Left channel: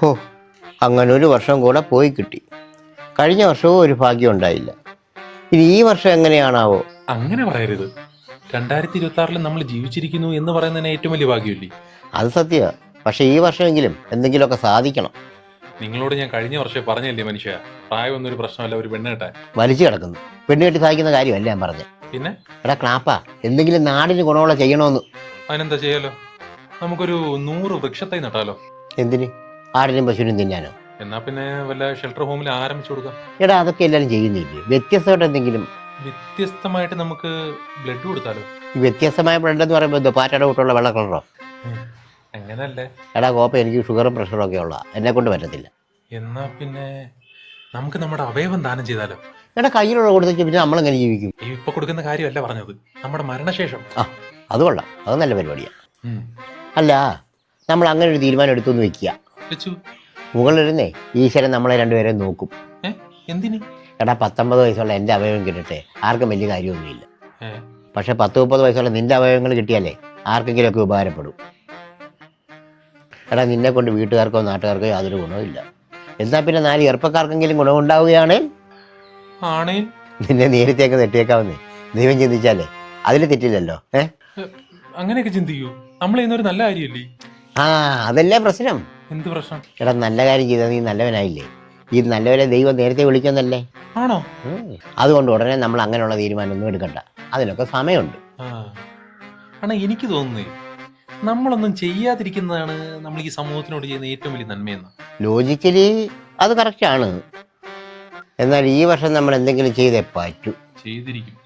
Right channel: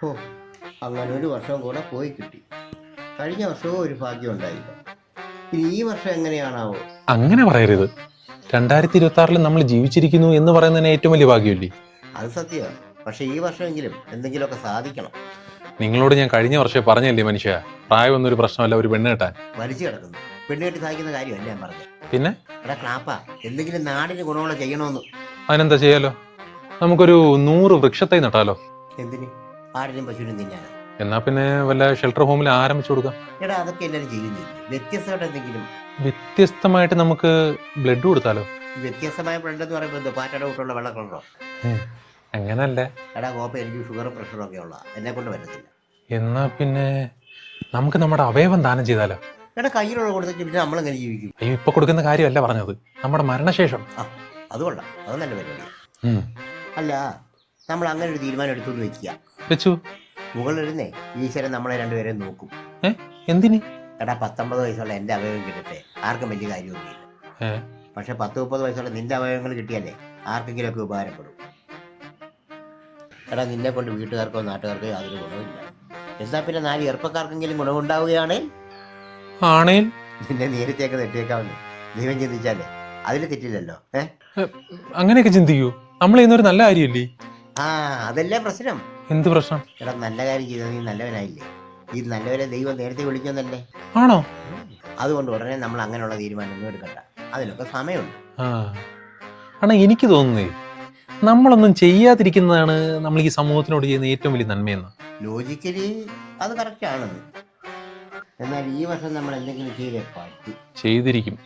ഹോ, അങ്ങനെ ഒരു വർഷം കൂടെ പോയി കിട്ടി. കഴിഞ്ഞ വർഷവും ഒരു ഭാഗ്യം ഉണ്ടായില്ല. ഇനി ഈ വർഷം എങ്ങനെയാണാവോ? അങ്ങനെ പറയരുത്. 2026 നമ്മൾ ജീവിച്ചിരിക്കുന്നു എന്ന് പറയുന്നതിന് ഏറ്റവും വലിയ ഭാഗ്യമില്ലേ? അത് സത്യമാണ്. പക്ഷെ ഈ വർഷമെങ്കിലും എന്തെങ്കിലുമൊക്കെ സാധിക്കണം. നിങ്ങളോട് ഞാൻ കഴിഞ്ഞ വർഷം പറഞ്ഞല്ലേ മനുഷ്യ, പ്രായമൊന്നും ഒരു പ്രശ്നമല്ല ഒരു പെണ്ണ് കെട്ടാൻ. വലിച്ചു കിടക്കുന്നു. പെണ്ണുകെട്ടി സാധിക്കുന്ന കാര്യമല്ല ഞാൻ പറഞ്ഞത്. പിന്നെ എടാ ക്ലാപ്പാ, എന്തെങ്കിലും നാടിന് ഗുണമുള്ള ചെയ്യണമെന്ന്. അതിനെന്താ ചെയ്യാലോ? നമുക്കൊരു 100 വൃക്ഷത്തൈ നട്ടാലോ? എന്തിന്? ആടിനും പശുവിനും തിന്നാനോ? എന്നാ പിന്നെ വല്ല ഷെൽട്ടർ ഹോമിൽ ആരംഭിച്ചു കൊടുക്കാം. എടാ അതൊക്കെ എല്ലാവരും ചെയ്യുന്നില്ലേ? വ്യത്യസ്തമായിട്ട് എന്തെങ്കിലും. വ്യത്യസ്തമായിട്ട് നമുക്ക് ബ്ലഡ് കൊടുത്താലോ? ഈ വ്യത്യസ്തമായ ബ്ലഡ് എന്ന് പറയുമ്പോൾ എന്തോ പാറ്റയുടെ കൂട്ടുള്ള വെള്ള കളറോ? എങ്ങനല്ലേ? എടാ കോപ്പ, എനിക്ക് ഷുഗറും പ്രഷറും ഒക്കെ ഉള്ള, എന്നെ കൊണ്ട് പറ്റത്തില്ല. എന്നാ പിന്നെ നമുക്ക് നമ്മുടെ അവയവം ദാനം ചെയ്താലോ? എടാ കയ്യിലുള്ള കൊടുത്തിട്ട് പിന്നെ നമ്മളെങ്ങനെ ജീവിക്കും? ഇപ്പൊ കൊടുക്കുന്ന കാര്യമല്ല പറഞ്ഞത്, നമ്മുടെ മരണശേഷം. ആ, അത് കൊള്ളാം. അത് നല്ല പരിപാടിയാണ്. അല്ല, നമ്മൾ അങ്ങനെ ഒരു തീരുമാനം എടുത്തു വെക്കുക. വെച്ചു. മുകളിലിരുന്നേ ഈശ്വരൻ നമ്മളെ രണ്ടുപേരെ നോക്കും. എന്തിന്? എടാ 19 വയസ്സുള്ള എൻ്റെ അവയവം കിട്ടട്ടെ, ആർക്കും വലിയ കാര്യമൊന്നുമില്ല. പക്ഷെ 10-30 വയസ്സുള്ള നിന്റെ അവയവങ്ങൾ കിട്ടിയാലേ ആർക്കെങ്കിലുമൊക്കെ ഉപകാരപ്പെടും. എടാ നിന്നെ കൊണ്ട് വീട്ടുകാർക്കോ നാട്ടുകാർക്കോ യാതൊരു ഗുണമില്ല. എന്നാൽ പിന്നെ 4 ചെറുപ്പക്കാർക്കെങ്കിലും ഗുണമുണ്ടാവുകയാണ്. ആണേൽ നിന്നെ നേരത്തേക്ക് നെട്ടിയേക്കാവുന്നേ ദൈവം ചിന്തിച്ചാലേ അതിൽ തെറ്റില്ലല്ലോ. അങ്ങനെയൊക്കെ ചിന്തിക്കൂ. നമ്മൾ ചെയ്യുന്നൊരു നല്ല കാര്യമില്ലേ? ആ, അതല്ലേ പ്രശ്നം. എന്ത് പ്രശ്നം? എടാ നല്ല കാര്യം ചെയ്താൽ നീ നല്ലവനായില്ലേ? ഈ നല്ലവരെ ദൈവം നേരത്തെ വിളിക്കുന്നല്ലേ? ആണോ? അതുകൊണ്ട് ഉടനെ നമ്മൾ അങ്ങനെയുള്ള തീരുമാനമൊന്നും എടുക്കണ്ട. അതിനൊക്കെ സമയമുണ്ട്. ആണോ? എനിക്ക് തോന്നുന്നേ നമ്മളൊന്നും ചെയ്യാതിരിക്കുന്നതാണ് നമ്മൾ ഈ സമൂഹത്തിനോട് ചെയ്യുന്ന ഏറ്റവും വലിയ നന്മയെന്ന്. ലോജിക്കലി അത് കറക്റ്റാണ്. എന്നാൽ ഈ വർഷം നമ്മൾ എന്തെങ്കിലും ചെയ്തേ പറ്റൂ. ചെയ്തിരിക്കും.